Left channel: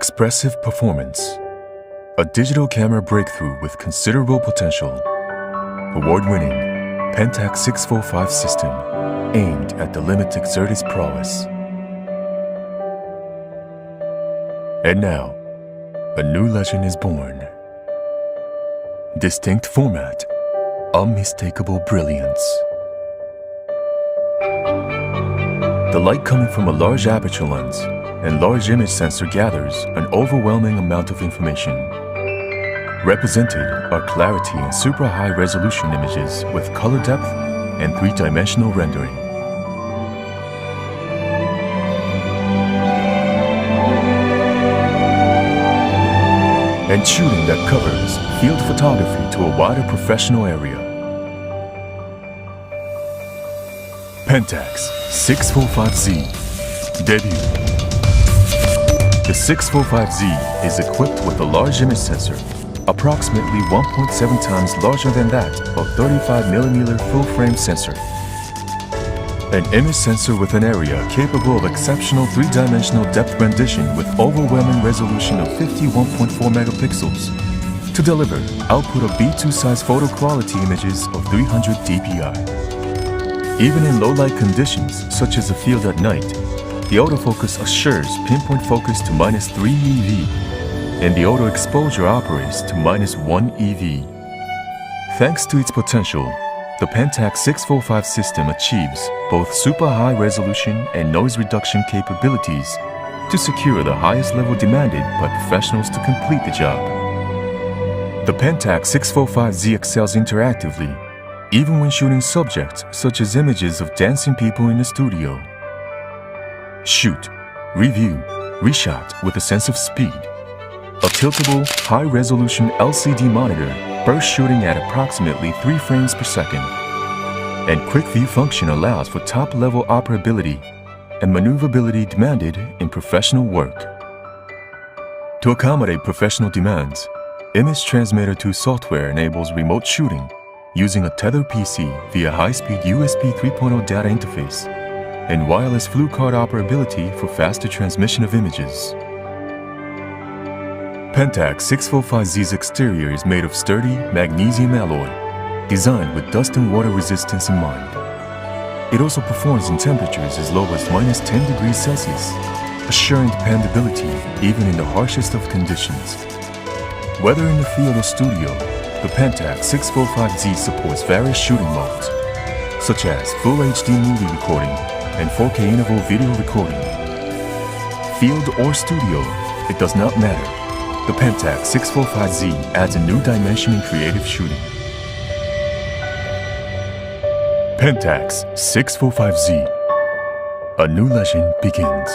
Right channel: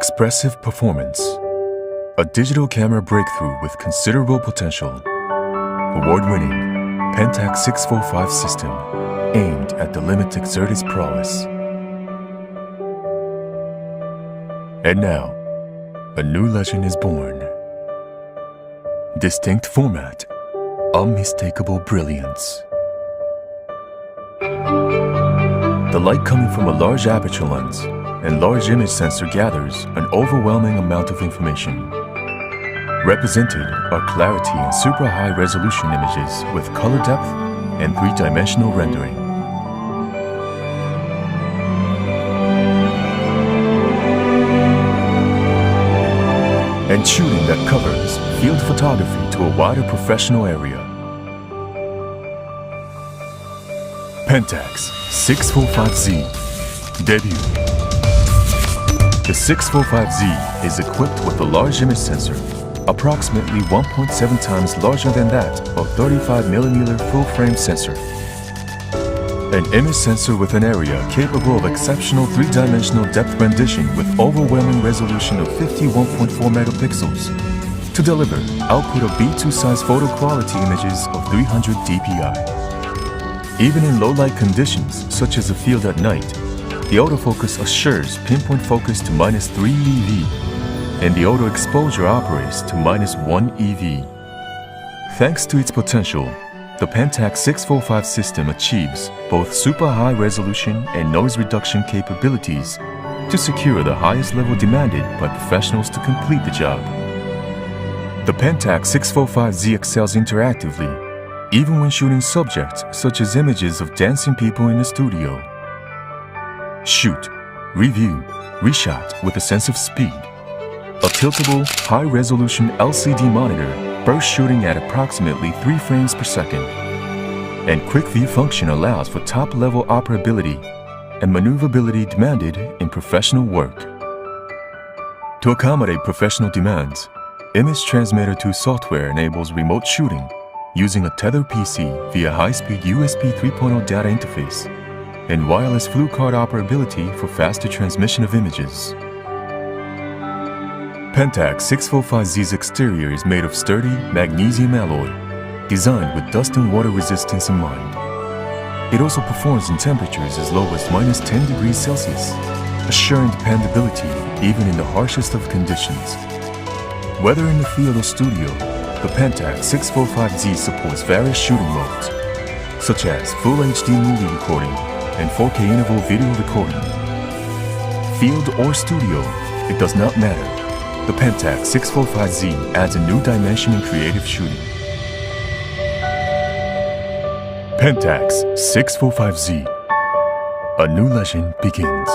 Expressive performance. A digital camera breakthrough with considerable potential. Award-winning Pentax 645 system aimed at the limit to exert its prowess. And now, a new legend is born. Distinct format, unmistakable brilliance. The light coming from a large aperture lens and large image sensor gathers an overwhelming amount of information. Represented are clarity and super high resolution images with color depth and three-dimensional rendering. And shooting that covers field photography to a wider professional area. Pentax 645Z Debut. The 645Z is equipped with a large image sensor, approximately 1.7 times larger than that of 35mm full-frame sensor. An image sensor with an area capable of exceptional three-dimensional depth rendition with overwhelming resolution of 51.4 megapixels to deliver output of B2 size photo quality images of 300 dpi. Even in low-light conditions, such as a field at night, the autofocus assures pinpoint focus to -3 EV, and the auto exposure operates to -1 EV. Thanks to its potential, the Pentax 645 system achieves both super high resolution and noise reduction capabilities to secure the highest level demanded by professionals to complete the job. The Pentax 645Z excels interactively, even when shooting subjects such as images of dancing people in a studio. Shoot, review, reshot with a sense of speed. A tiltable, high-resolution LCD monitor bursts shooting at approximately 3 frames per second. And quick view function allows for top-level operability and maneuverability demanded in professional work. To accommodate professional demands, Image Transmitter 2 software enables remote shooting using a tethered PC via high-speed USB 3.0 data interface and wireless flu card operability for faster transmission of images. Pentax 645Z's exterior is made of sturdy magnesium alloy, designed with dust and water resistance in mind. It also performs in temperatures as low as -10 degrees Celsius, assuring dependability even in the harshest of conditions. Whether in the field or studio, the Pentax 645Z supports various shooting modes, such as Full HD movie recording and 4K interval video recording. Field or studio, it does not matter. The Pentax 645Z adds a new dimension in creative shooting. Pentax 645Z. A new legend begins.